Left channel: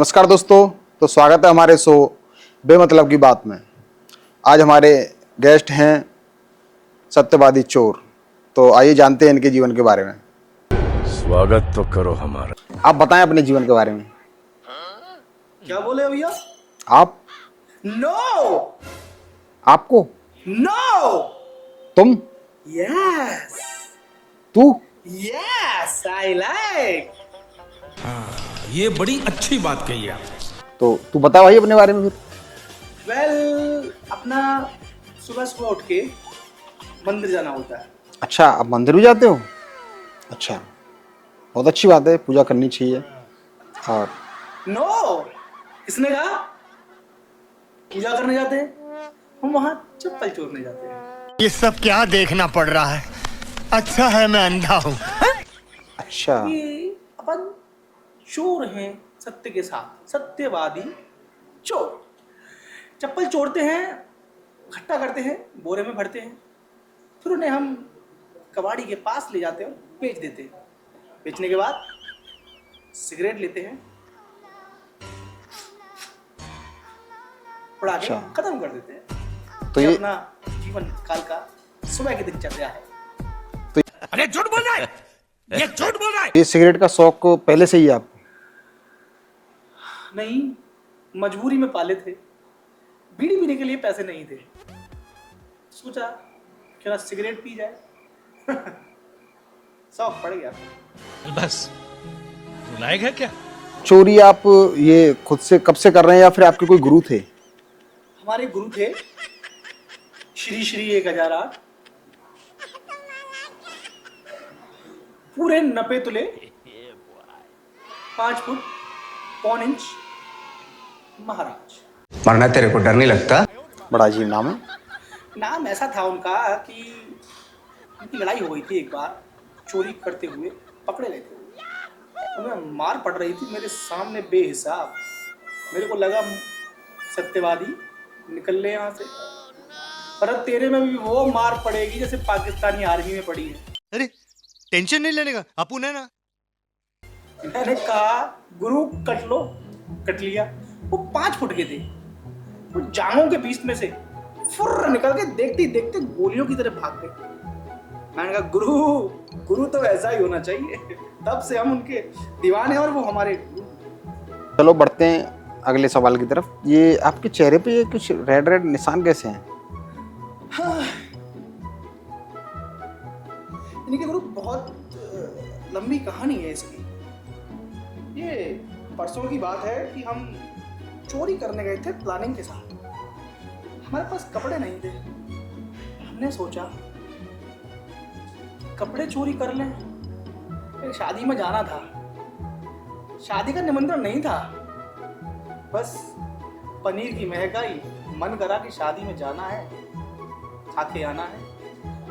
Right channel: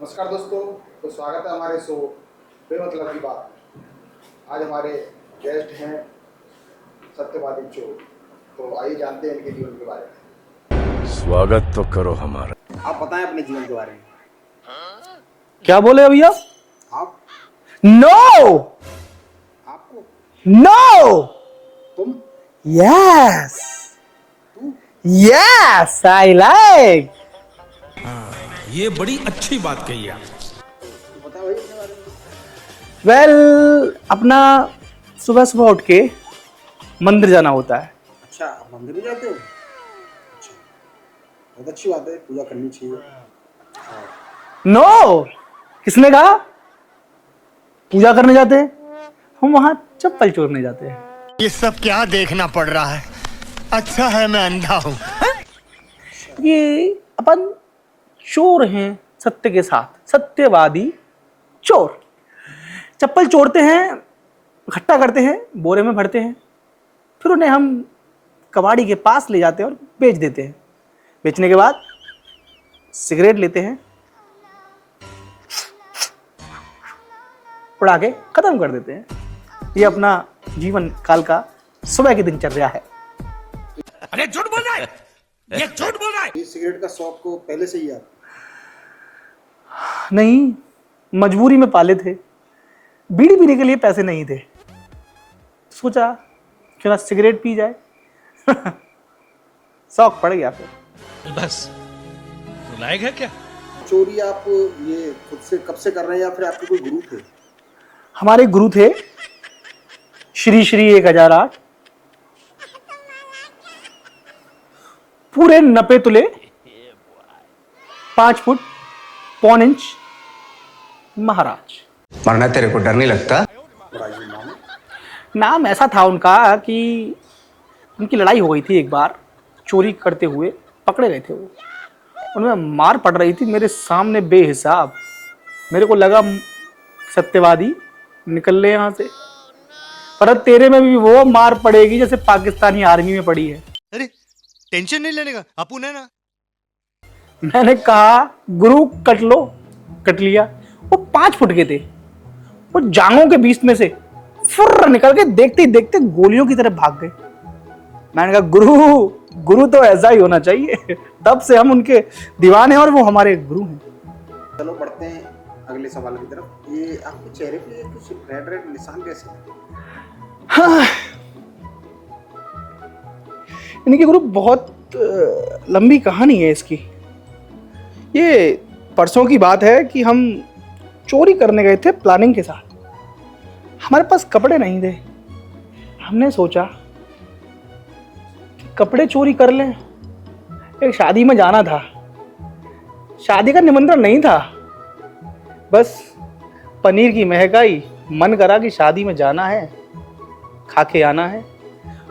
नमस्कार दोस्तों, तो स्वागत है हमारे शो बेमतलब की बात में। आज हमारे गेस्ट हैं सत्यवादी चोर। तो आइए जानते हैं इनके जीवन के बारे में। स्वागत तो करो हमारा। आप बताएं अपने जीवन के बारे में। क्या बोले भैया? आप? नो, आपको? नो, तुम? यस, तू? Yes, I like. ये बड़ी अच्छी बात कही आप। तो तू बता भाई अपने बारे में फिर। वेल, अपना सुबह सुबह उठ के मंदिर जाना होता है। अच्छा, आप मंदिर भी जाते हो? अच्छा, बहुत अच्छी बात है, पूजा करनी चाहिए। और नो, किसने कहा पूजा करने जाते हैं? हम वहां चप्पल चोरने जाते हैं। ये सब क्या देखना पड़ रहा है? अच्छा है मैं अंधा हूँ। अच्छा, ये अपन चोर हैं सत्य के साथ, सत्यवादी चोर। चप्पल चोरते हैं, इकट्ठा करते हैं, बोरे में भरते हैं, फिर उन्हें हम कबाड़ी के पास ले जाते हैं और बेच देते हैं। बेचने के बाद सिगरेट लेते हैं, उड़ा के खत्म कर देते हैं। तो ये ये- अपना जीवन काल का सुबह की दिनचर्या है। अरे झूठ बोल रहा है, ये झूठ बोल रहा है। ये सिगरेट का शौक पहले से ही आप? नहीं, मजबूरी में पाले थे। बीड़ी पीने के लिए पैसे नहीं थे, सोचा क्यों ना सिगरेट पी जाए। शौक पड़ गया फिर। बस लायक है क्या? चोरी आप ये खुद से कब से कर रहे हैं या फिर आपके कोई गुरु थे? हमारे गुरु थे श्री श्री 1008, पूरे 90 तुले, 5 फुट पौन इंच महाराज। मरना तेरे को डर नहीं लगता? बड़ा अजीब नाम है। नाम ऐसा था उनका कि उनकी लड़ाई हो गई थी एक बार, चोरी करते हुए पकड़े गए थे वो। उनमें मार पड़ रही थी मेरे सामने बेहिसाब। मेरे को लगा सत्यवादी निकल ले यहाँ से, पर तेरे में भी वो मार पड़ेगी जैसे पाकिस्तानी आर्मी में पड़ी है। अरे टेंशन नहीं लेने का, अपुन है ना। मैंने कहा गुरु कट लो, कट लिया। वो 5 फुट के थे, वो जांघों के बीच में से फुर्र निकल के देखते ही देखते गोलियों की तरह भाग गए। मैंने कहा गुरु तो ऐसा ही होना चाहिए। तब से हम उनके दीवाने हैं और वो हमारे गुरु हैं। चलो बढ़ते हैं अगले सवाल की तरफ। ये आपके चेहरे पे ये कुछ रेड रेड निशान कैसे हैं? हाँ, इनकी गुरु बहुत लंबी कहानी है इसकी। ये परसों की बात है कि हम चोरी करने गए थे प्लानिंग के साथ। हमारे पास कपड़े नहीं थे। हमने सोचा कपड़े चोरी कर लें। एक शादी में जाना था, शादी का निमंत्रण नहीं था, बस पनीर की महक आई, मन करा कि शादी में जाना है, खा के आना है।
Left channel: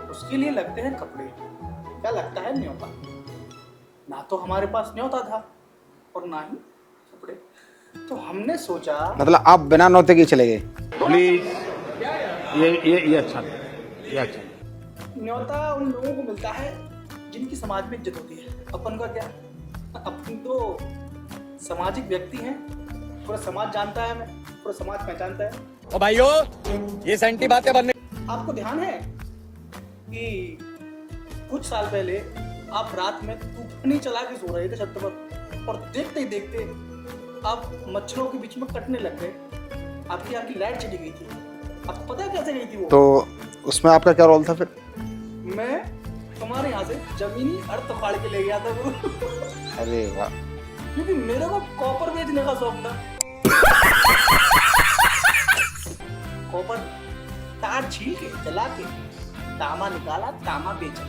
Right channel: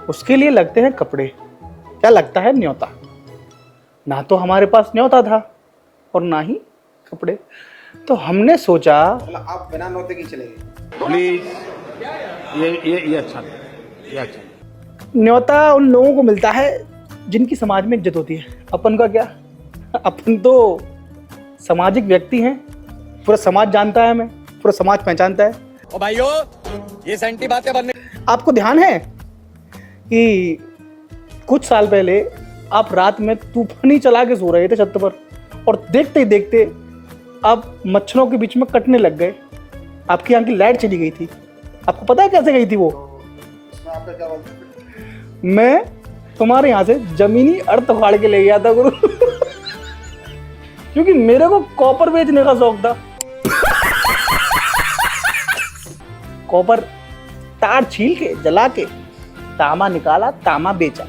उसके लिए लगते हैं कपड़े, क्या लगता है न्योता। ना तो हमारे पास न्योता था और ना ही कपड़े। तो हमने सोचा मतलब आप बिना नौते के चले गए? प्लीज ये अच्छा नहीं, ये अच्छा नहीं। न्योता उन लोगों को मिलता है जिनकी समाज में इज्जत होती है। अपन का क्या, अपन तो सामाजिक व्यक्ति हैं। पूरा समाज जानता है हमें, पूरा समाज पहचानता है। ओ भाइयों, ये सेंटी बातें बनने। आपको ध्यान है कि कुछ साल पहले आप रात में तूफानी चला के सो रहे थे छत पर, और देखते ही देखते आप मच्छरों के बीच में कटने लग गए। आपकी यहाँ की लाइट चली गई थी। आपको पता है कैसे गई थी वो? तो उसमें आपका क्या रोल था फिर? मैं तुम्हारे यहाँ से जमीनी अर्थ उखाड़ के ले गया था गुरु। अरे वाह। क्योंकि मेरे को कॉपर बेचने का शौक था। कॉपर तार छील के जला के तांबा निकाला, तांबा बेचा।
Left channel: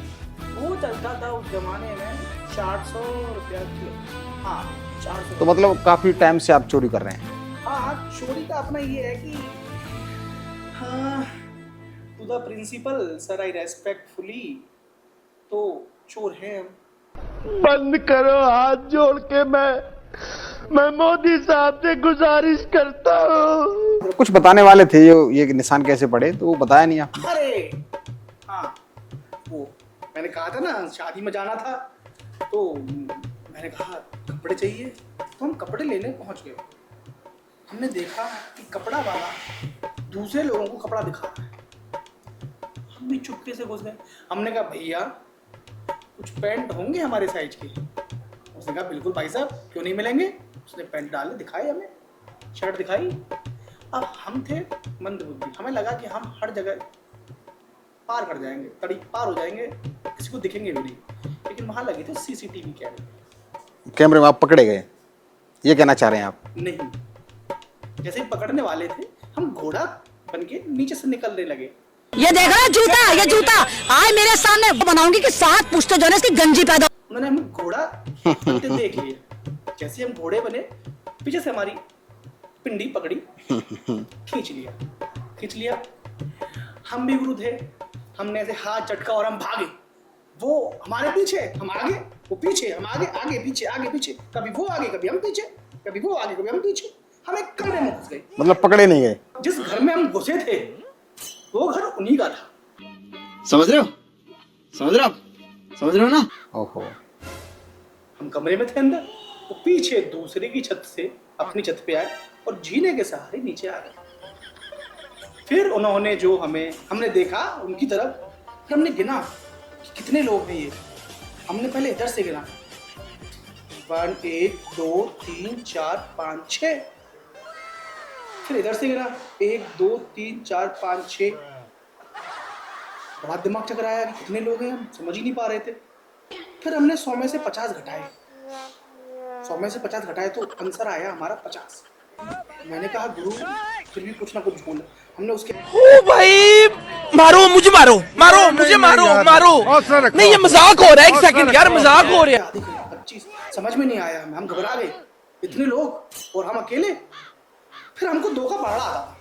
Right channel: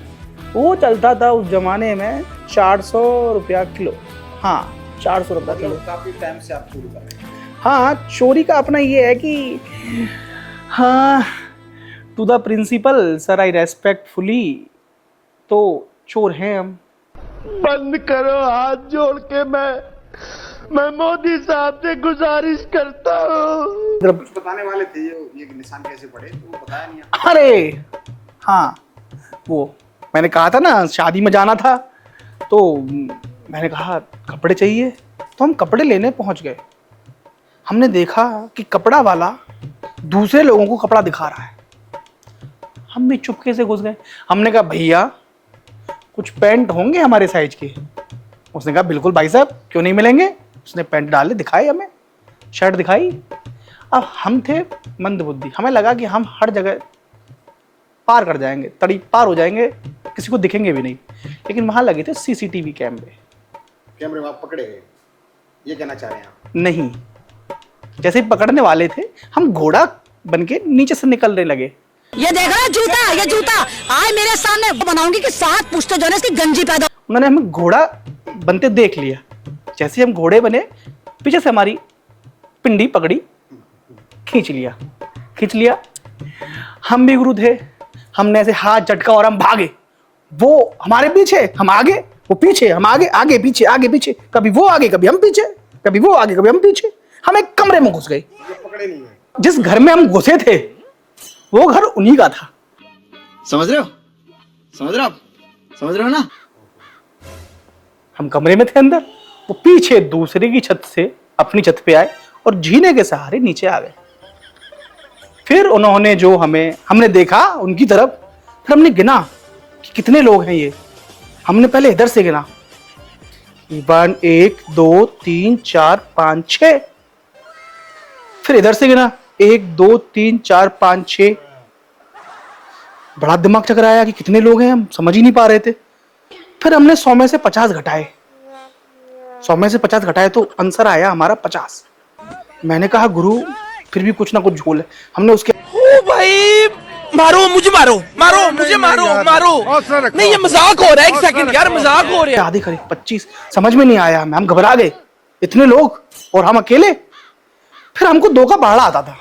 वो चलता था उस जमाने में 400 रुपया किलो। हाँ, 400 तो रुपया मतलब किलो। काफी टाइम से आप चोरी कर रहे हैं? हाँ, चोरी का अपना ये है कि हाँ, to the principal sir I respectfully, तो चोर हैं हम। बंद करो हाथ जोड़ के, मैं मोदी साहब से गुजारिश करता हूँ। मतलब कुछ बताने वाले थे ये निशान कैसे पड़े, तो वो बताया नहीं आप? अरे हाँ, वो मैंने कहा था ना शादी में जाना था, तो मैंने कहा कपड़े चाहिए, तो हम कपड़े लेने पहुंच गए। हमने देखा कि कपड़ा वाला दूसरे लोगों को कपड़ा दिखा रहा है। हम भी चुपके से घुस गए। हमने कहा भैया कुछ पैंट होंगे हमारे साइज के? उसने कहा बिल्कुल भाई साहब, क्यों नहीं मिलेंगे। उसने पैंट डाले, दिखाए हमें, शर्ट दिखाई। अब हम थे मंद बुद्धि, हमें लगा कि हम हर जगह पार कर जाएंगे, तड़ी पार हो जाएंगे, किसी को दिखेंगे भी नहीं। लेकिन वहां लगे थे सीसीटीवी कैमरे में आप पकड़े गए, ये कहना चाह रहे हैं आप? नहीं, जैसे ही पकड़ने वाले थे हम घोड़ा बनके नीचे से निकलने लगे। ये देख रहा जूता, ये जूता आज मेरे सामने बनाऊंगी कि 7 पुश्ते जो है इसकी गंजी पैदा। उन्होंने हमें घोड़ा बनते देख लिया। जैसे हम घोड़े बने, पीछे से हमारी पिंडी पकड़ी, खींच लिया। हम भी गुरु थे, हमने ऐसे हाथ झटका और हम भागे। वो हमारे पीछे, हम आगे, वो पीछे, हम आगे, आगे पीछे, आगे पीछे, कभी वो आगे, कभी हम पीछे, कभी वो आगे, कभी हम पीछे। हम एक कमरे में घुस गए। मतलब पकड़े नहीं गए? जिस घर में हम घुसे थे वो घर उन्हीं का था। समझ रहे हो ना? ओहो। हम कमरे में थे अंदर, वो पीछे दूसरे की छत से अपनी छत पे आए और जीने के सहारे नीचे आ गए। फिर उन्होंने जो हमने देखा उनकी तरफ, फिर हमने गिना कि कितने लोग हैं ये। हमने पहले इधर से गिना, 1 2 3 4 5 6। फिर इधर से गिना 1 2 3 4 5 6। बड़ा दिमाग चकराया कि कितने लोग हैं, हम समझ ही नहीं पा रहे थे। फिर हमने 100 में से 50 घटाए, 100 में से 50 घटाए तो आंसर आया हमारा 50। मैंने कहा गुरु फिर भी कुछ ना कुछ झोल है। हमने उसके ओ भाई मारो मुझे, मारो मुझे, मारो नहीं, ये मजाक हो रहा है। 1 सेकंड यार, मजाक हो रहा है। आधे करीब 25, समझ में नहीं आया हमें, हम घबरा गए, इतने लोग और हम अकेले। फिर हमको 2 का पहाड़ा आता था,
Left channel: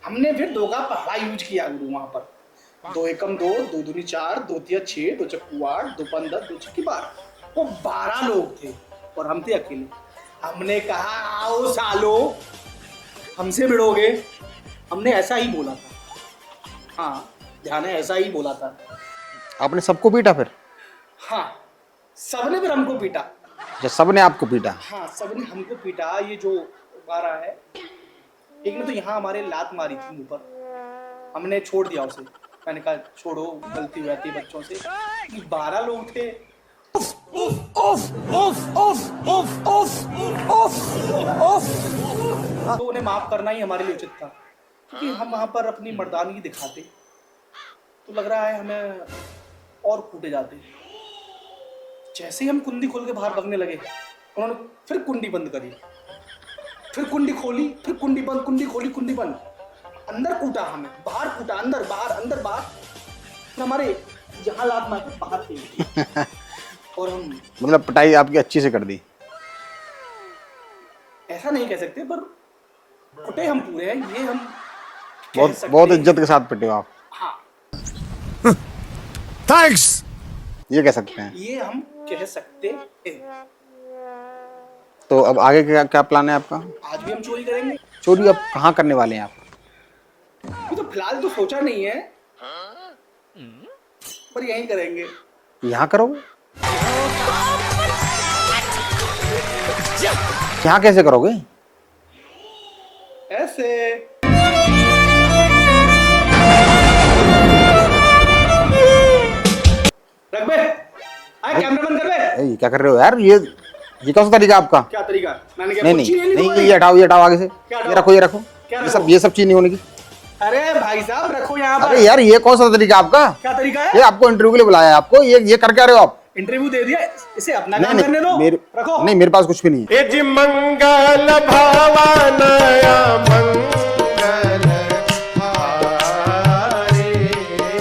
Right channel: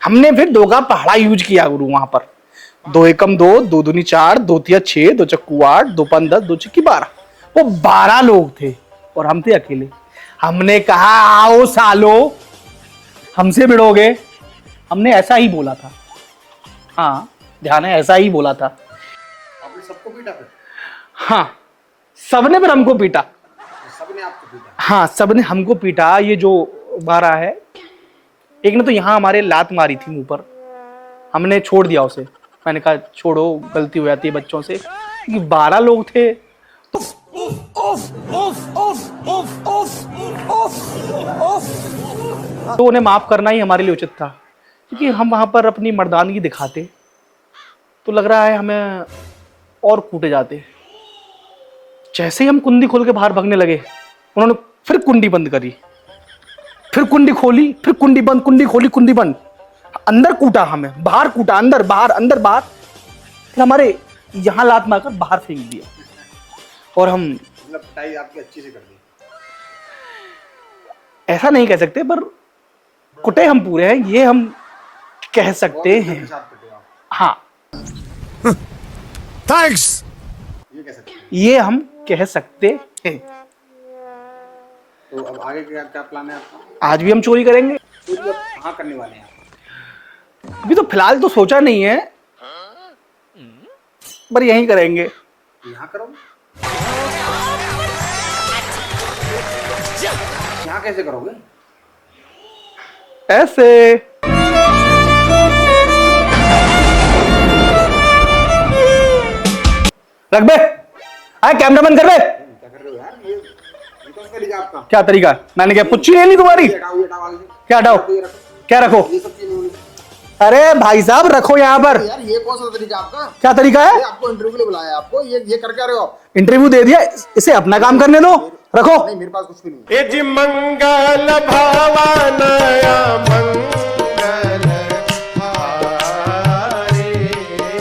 हमने फिर 2 का पहाड़ा यूज किया गुरु वहां पर। 2 एकम 2, 2 दूनी 4, 2 तिया 6, 2 चक्कू 8, 2 पंच 10, 2 चक्की 12। वो 12 लोग थे और हम थे अकेले। हमने कहा आओ सालो, हमसे भिड़ोगे? हमने ऐसा ही बोला था। हाँ ध्यान है, ऐसा ही बोला था। आपने सबको पीटा फिर? हाँ, सबने फिर हमको पीटा। जब सबने आपको पीटा? हाँ, सबने हमको पीटा। ये जो 12 है, एक ने तो यहाँ हमारे लात मारी थी मुंह पर, हमने छोड़ दिया उसे। मैंने कहा छोड़ो, गलती हो जाती है बच्चों से। 12 लोग थे तो उन्हें माफ करना ही हमारे लिए उचित था, क्योंकि हम वहां पर अपनी मर्दानगी दिखाते तो लग रहा है हमें और कूटे जाते। जैसे ही हम कुंडी खोल के बाहर भागने लगे, उन्होंने फिर कुंडी बंद करी, फिर कुंडी खोली, फिर कुंडी बंद, कुंडी खोली, कुंडी बंद। अंदर कूटा हमें, बाहर कूटा, अंदर बाहर, अंदर बाहर। फिर हमारे यहाँ लात मारकर बाहर फेंक दी। और हम, मतलब पिटाई आपकी अच्छी से कर दी? ऐसा नहीं कह सकते, पर कुटे हम पूरे हैं, ये हम कह सकते बहुत हैं। इज्जत के साथ पिटे हो आप? हाँ, थैंक्स। ये कह सकते हैं? ये हम कह सकते हैं। तो अब आगे क्या क्या प्लान है आपका? आज भी हम चोरी करेंगे। चोरी अब कहाँ करने वाले हैं आप? अभी तो फिलहाल तो सोचा नहीं है, पर यहीं करेंगे। यहाँ करोगे? यहाँ कैसे करोगे? ऐसे। रख बे, आए कैमरा बंद कर बे। ये क्या कर रहे हो यार? ये कौन सा तरीका आपका? क्या तरीका? मैंने क्या नहीं, कुछ नहीं तुम्हारी? ये हटाओ, ये हटाओ आगे से। क्या हटाओ? रखो, ये रखो। क्या रखो? ये सब चीज नहीं होने की। अरे भाई साहब रखो यहाँ पर। अरे यार ये कौन सा तरीका आपका? क्या तरीका ये है? आपको इंटरव्यू के लिए बुलाया है आपको, ये कर क्या रहे हो आप? इंटरव्यू दे दिया, इसे अपना काम करने दो। रखो। नहीं, मेरे पास कुछ भी नहीं है। यजि मंगल भावना